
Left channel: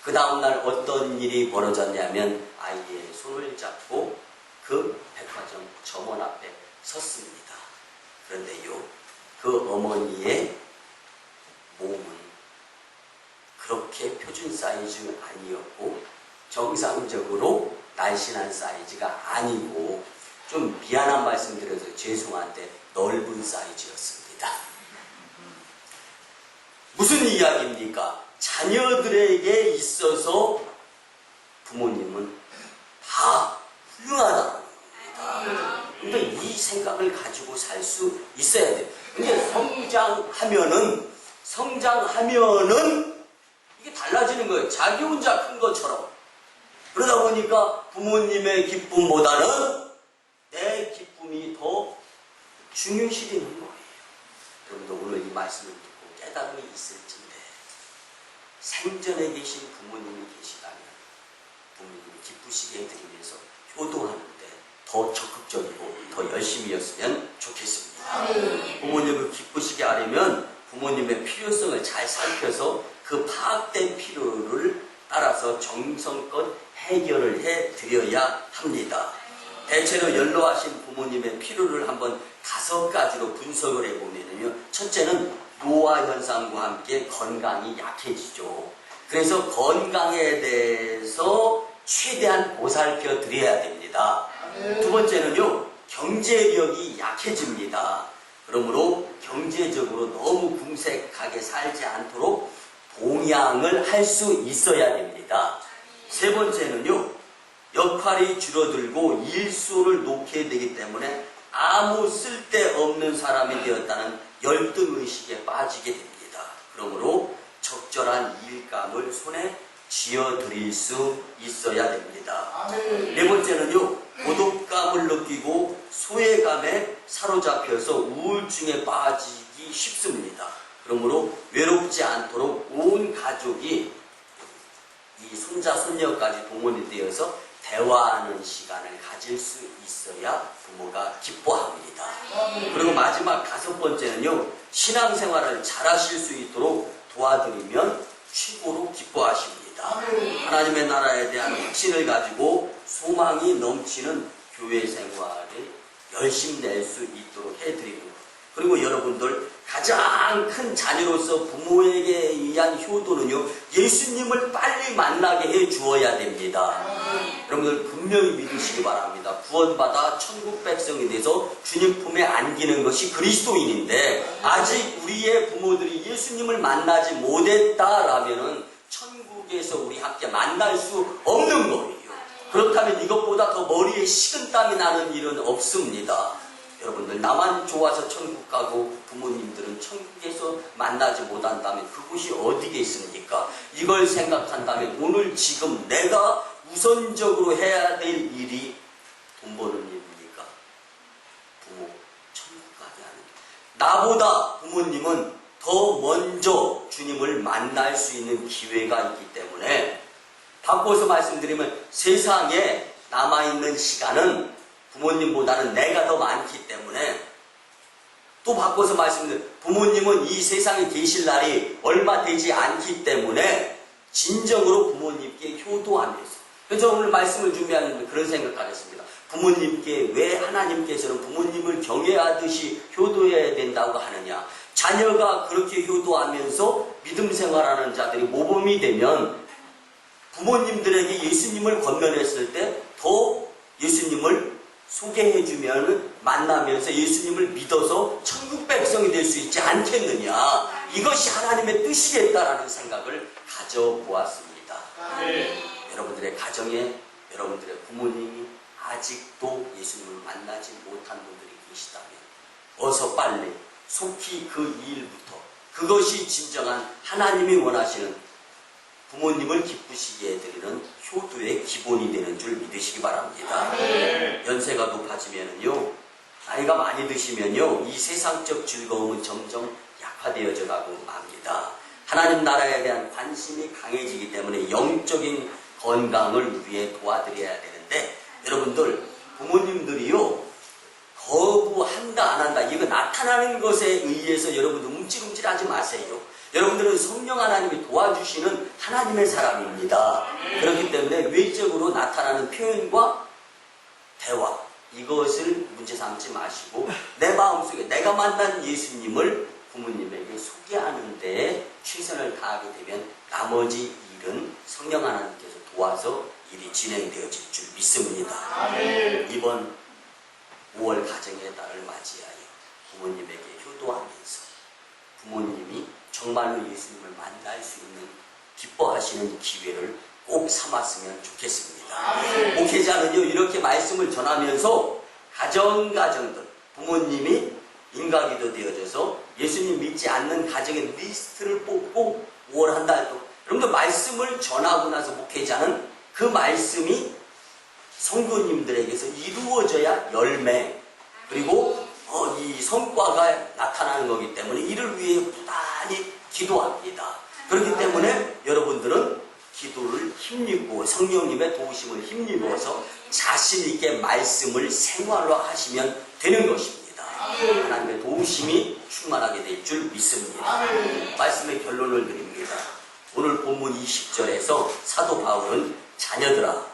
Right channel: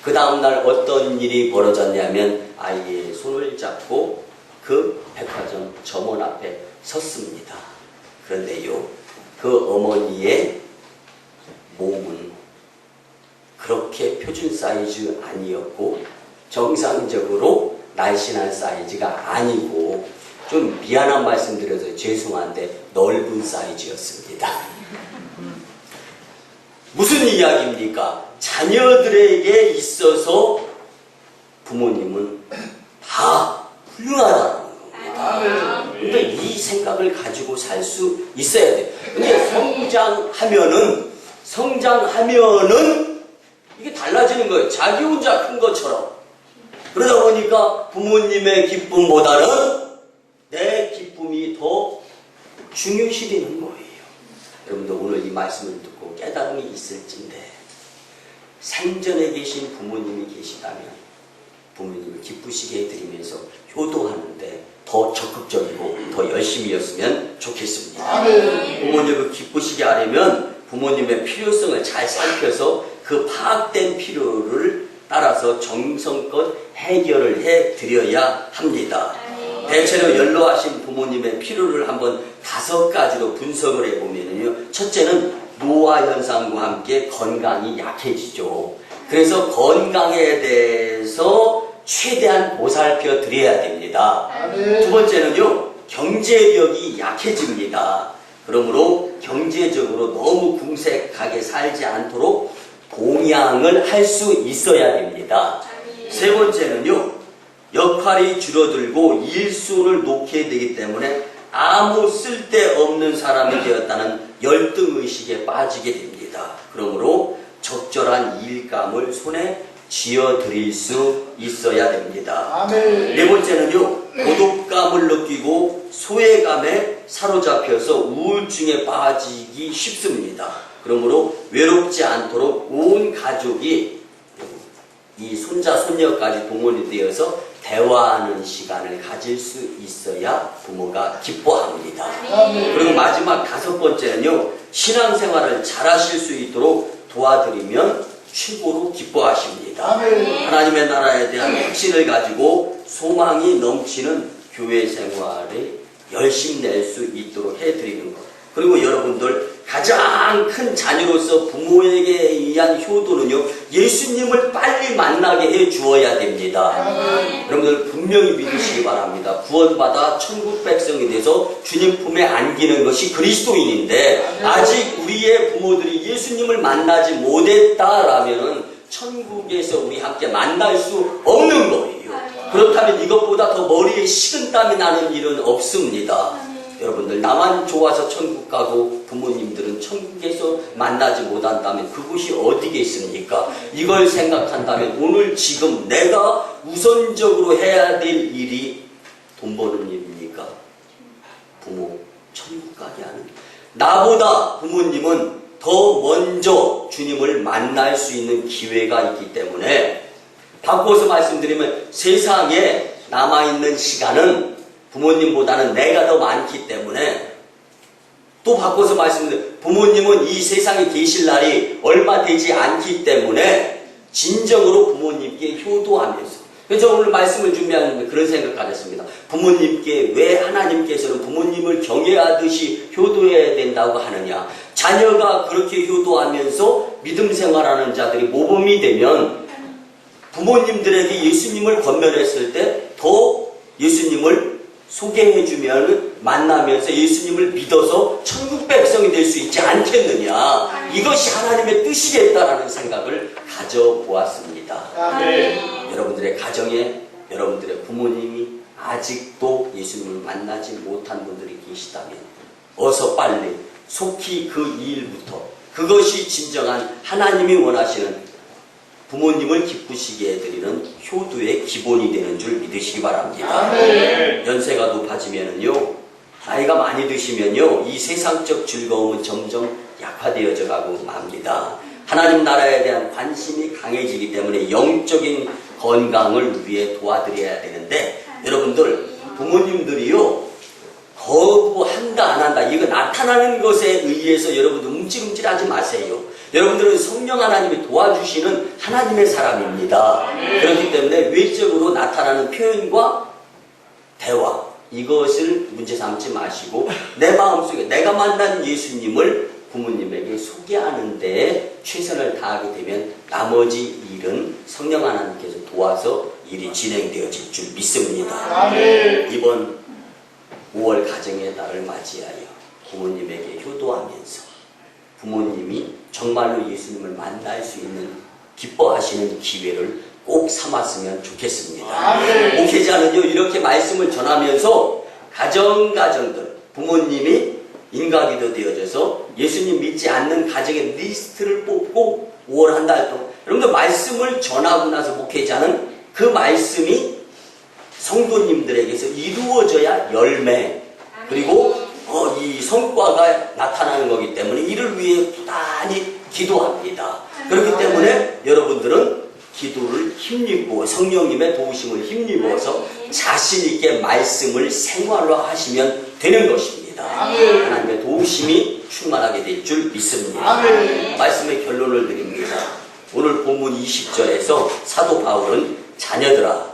그 다음날 어떤 일이 벌어졌냐면 아이의 손을 잡고 그 백화점 점원 앞에 섰습니다. 그런데요, 그 어머니의 몸은 그렇게 표준 사이즈 아니었고 정상적으로 날씬한 사이즈가 아니고 좀 미안한 말씀 드려서 죄송한데 넓은 사이즈였습니다. 무슨 이야기입니까? 자녀들에게 있어서 부모님은 다 훌륭하다는 겁니다. 근데 이 생각을 가지고 살 수 있어야 돼. 근데 성장하면은 이게 달라지는 거예요. 자기 혼자 큰 것처럼. 그러다 보니까 부모님의 기쁨보다는 내 기쁨이 더 중요시되는 거예요. 여러분들 오늘 이 말씀을 듣고 깨달음이 있을진데 생전에 계신 부모님이 계시다면 부모님을 기쁘시게 해드리면서 효도하는데 더 적극적이고 더 열심히였으면 좋겠습니다. 부모님을 기쁘시게 하려면 부모님의 필요성을 잘 살펴서 그 파악된 필요를 따라서 정성껏 해결을 해드려야 합니다. 대체로 연로하신 부모님의 필요를 한번 5가지로 분석을 해보면요. 첫째는 노화 현상과 함께 건강이 약해지죠. 그래서 건강에 대해서 최대한 보살펴 드려야 됩니다. 두 번째는요, 경제력이 약해집니다. 그러므로 경제적으로 너무 궁색하게 살지 않도록 봉양을 할 수 있어야 됩니다. 세 번째는요, 역할이 줄어들고 일수를 놓게 되기 때문에 아무 쓸데없는 사람이 되었다는 열등의식에 빠지게 됩니다. 그러므로 적절한 일감을 손에 쥐어드릴 수 있어야 됩니다. 네 번째는요, 고독감을 느끼고 소외감에 사로잡혀서 우울증에 빠지기 쉽습니다. 그러므로 외롭지 않도록 온 가족이 이 손자, 손녀까지 동원이 되어서 대화하는 시간을 가질 수 있어야 부모가 기뻐합니다. 그리고 마지막 5번째는요, 신앙생활을 잘 하실 수 있도록 도와드리면 최고로 기뻐하십니다. 하나님의 나라에 대한 확신을 가지고 소망이 넘치는 교회 생활에 열심히 낼 수 있도록 해드리는 것. 그리고 여러분들 가장 큰 자녀로서 부모에게 의한 효도는요, 예수님을 빨리 만나게 해 주어야 됩니다. 여러분들 분명히 믿으시기 바랍니다. 구원받아 천국 백성이 돼서 주님 품에 안기는 것이 그리스도인인데 아직 우리의 부모들이 예수님을 만나지 못했다라면은 천국에서 우리 함께 만날 수 없는 거예요. 그렇다면 이것보다 더 머리에 식은땀이 나는 일은 없습니다. 여러분들 나만 좋아서 천국 가고 부모님들은 천국에서 만나지 못한다면 그곳이 어디겠습니까? 이걸 생각한다면 오늘 지금 내가 우선적으로 해야 될 일이 돈 버는 일입니까? 부모 천국 가게 하는 나보다 부모님은 더 먼저 주님을 만날 수 있는 기회가 있기 때문에 바꿔서 말씀드리면 세상에 남아있는 시간은 부모님보다는 내가 더 많기 때문에 또 바꿔서 말씀드리면 부모님은 이 세상에 계실 날이 얼마 되지 않기 때문에 진정으로 부모님께 효도하면서 그래서 오늘 말씀을 준비하는 그런 생각을 했습니다. 부모님께 왜 하나님께서는 부모님을 경외하듯이 효도해야 된다고 하느냐. 자녀가 그렇게 효도하면서 믿음 생활하는 자들이 모범이 되면 부모님들에게 예수님을 건면했을 때 더 예수님을 소개해주면 만나면서 예수님을 믿어서 천국 백성이 될 수 있지 않겠느냐. 이것이 하나님의 뜻이겠다라는 생각을 가져보았습니다. 여러분들의 가정에 여러분들의 부모님이 아직도 예수님을 만나지 못한 분들이 계시다면 어서 빨리 속히 그 일부터 그것이 진정한 하나님이 원하시는 부모님을 기쁘시게 해드리는 효도의 기본이 되는 줄 믿으시기 바랍니다. 연세가 높아지면은요, 나이가 많이 드시면요, 이 세상적 즐거움은 점점 약화되어져 가고 맙니다. 하나님 나라에 대한 관심이 강해지기 때문에 영적인 건강을 위해 도와드려야 되는데 여러분들 부모님들이요 거부한다 안 한다 이거 나타나는 것에 의해서 여러분들 움찔움찔하지 마세요. 여러분들은 성령 하나님이 도와주시는 하나님의 사람입니다. 그렇기 때문에 외적으로 나타나는 표현과 대화 이것을 문제 삼지 마시고 내 마음속에 내가 만난 예수님을 부모님에게 소개하는 데 최선을 다하게 되면 나머지 일은 성령 하나님께서 도와서 일이 진행되어질 줄 믿습니다. 이번 5월 가정의 달을 맞이하여 부모님에게 효도하면서 부모님이 정말로 예수님을 만날 수 있는 기뻐하시는 기회를 꼭 삼았으면 좋겠습니다. 목회자는요 이렇게 말씀을 전하면서 가정들 부모님이 인가기도 되어져서 예수님 믿지 않는 가정의 리스트를 뽑고 5월 한 달 동안 여러분들 말씀을 전하고 나서 목회자는 그 말씀이 성도님들에게서 이루어져야 열매 그리고 이 성과가 나타나는 거기 때문에 이를 위해 부단히 기도합니다. 그렇기 때문에 여러분들은 기도를 힘입고 성령님의 도우심을 힘입어서 자신 있게 말씀을 생활로 하시면 되는 것입니다. 하나님의 도우심이 충만하게 될 줄 믿습니다. 말씀의 결론을 드립니다. 오늘 본문 20절에서 사도 바울은 자녀들아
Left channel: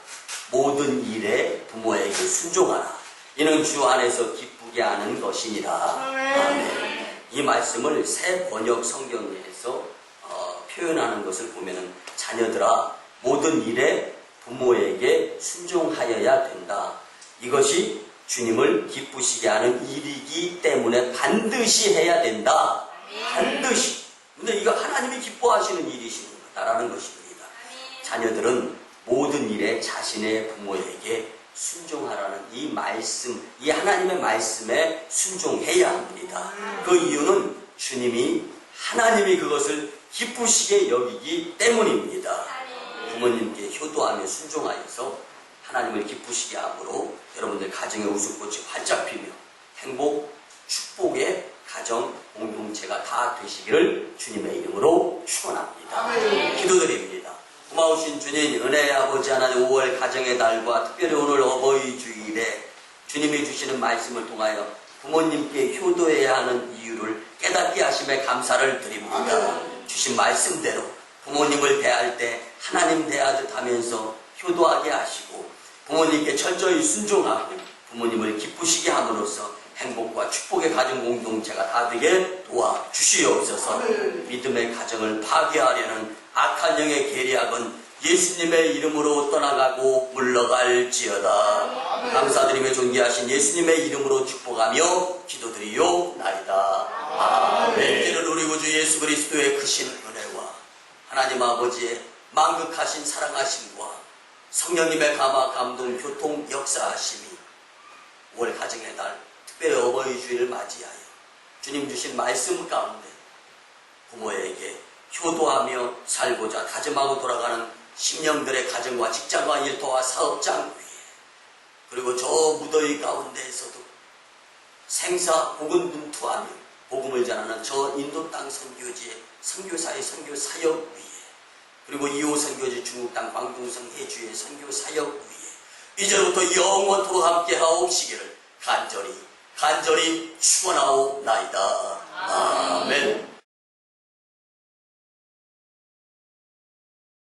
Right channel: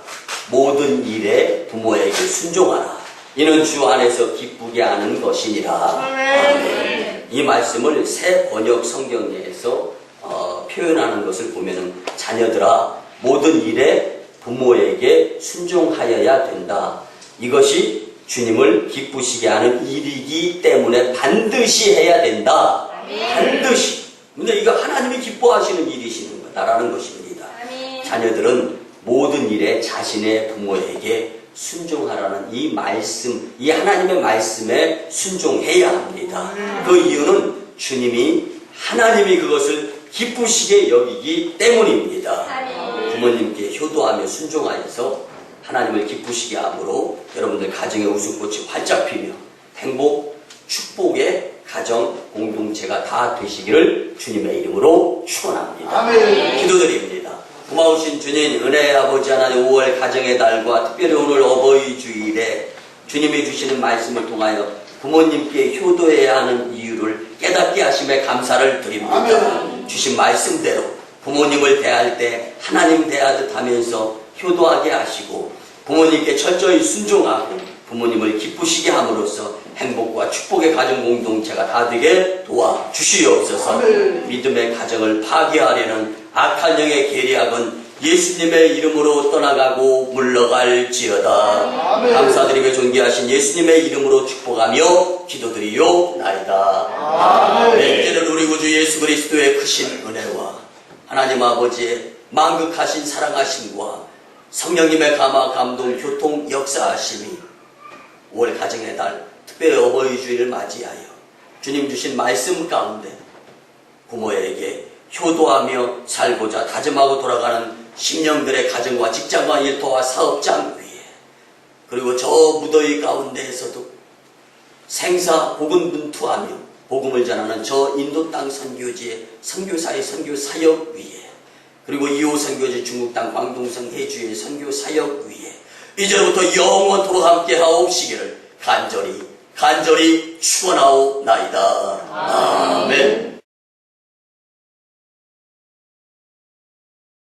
모든 일에 부모에게 순종하라. 이는 주 안에서 기쁘게 하는 것이니라. 아멘. 이 말씀을 새 번역 성경에서 표현하는 것을 보면은 자녀들아 모든 일에 부모에게 순종하여야 된다. 이것이 주님을 기쁘시게 하는 일이기 때문에 반드시 해야 된다. 반드시. 근데 이거 하나님이 기뻐하시는 일이시는 거다라는 것입니다. 자녀들은 모든 일에 자신의 부모에게 순종하라는 이 말씀, 이 하나님의 말씀에 순종해야 합니다. 그 이유는 하나님이 그것을 기쁘시게 여기기 때문입니다. 부모님께 효도하며 순종하여서 하나님을 기쁘시게 함으로 여러분들 가정의 웃음꽃이 활짝 피며 행복, 축복의 가정 공동체가 다 되시기를 주님의 이름으로 축원합니다. 기도드립니다. 고마우신 주님 은혜의 아버지 하나님 5월 가정의 달과 특별히 오늘 어버이 주일에 주님이 주시는 말씀을 통하여 부모님께 효도해야 하는 이유를 깨닫게 하심에 감사를 드립니다. 주신 말씀대로 부모님을 대할 때 하나님 대하듯 하면서 효도하게 하시고 부모님께 철저히 순종하고 부모님을 기쁘시게 함으로써 행복과 축복의 가정 공동체가 다 되게 도와주시옵소서. 믿음의 가정을 파괴하려는 악한 영의 계략은 예수님의 이름으로 떠나가고 물러갈지어다. 감사드리며 존귀하신 예수님의 이름으로 축복하며 기도드리옵나이다. 아멘. 이제는 우리 구주 예수 그리스도의 크신 은혜와 하나님 아버지의 만극하신 사랑하심과 성령님의 감화 감동 교통 역사하심이 5월 가정의 달 특별히 어버이 주일을 맞이하여 주님 주신 말씀 가운데 부모에게 효도하며 살고자 다짐하고 돌아가는 심령들의 가정과 직장과 일터와 사업장 위에, 그리고 저 무더위 가운데에서도 생사 복음분투하며 복음을 전하는 저 인도 땅 선교지의 선교사의 선교 사역 위에, 그리고 2호 선교지 중국 땅 광동성 해주의 선교 사역 위에 이제부터 영원토록 함께 하옵시기를 간절히 축원하옵나이다. 아멘.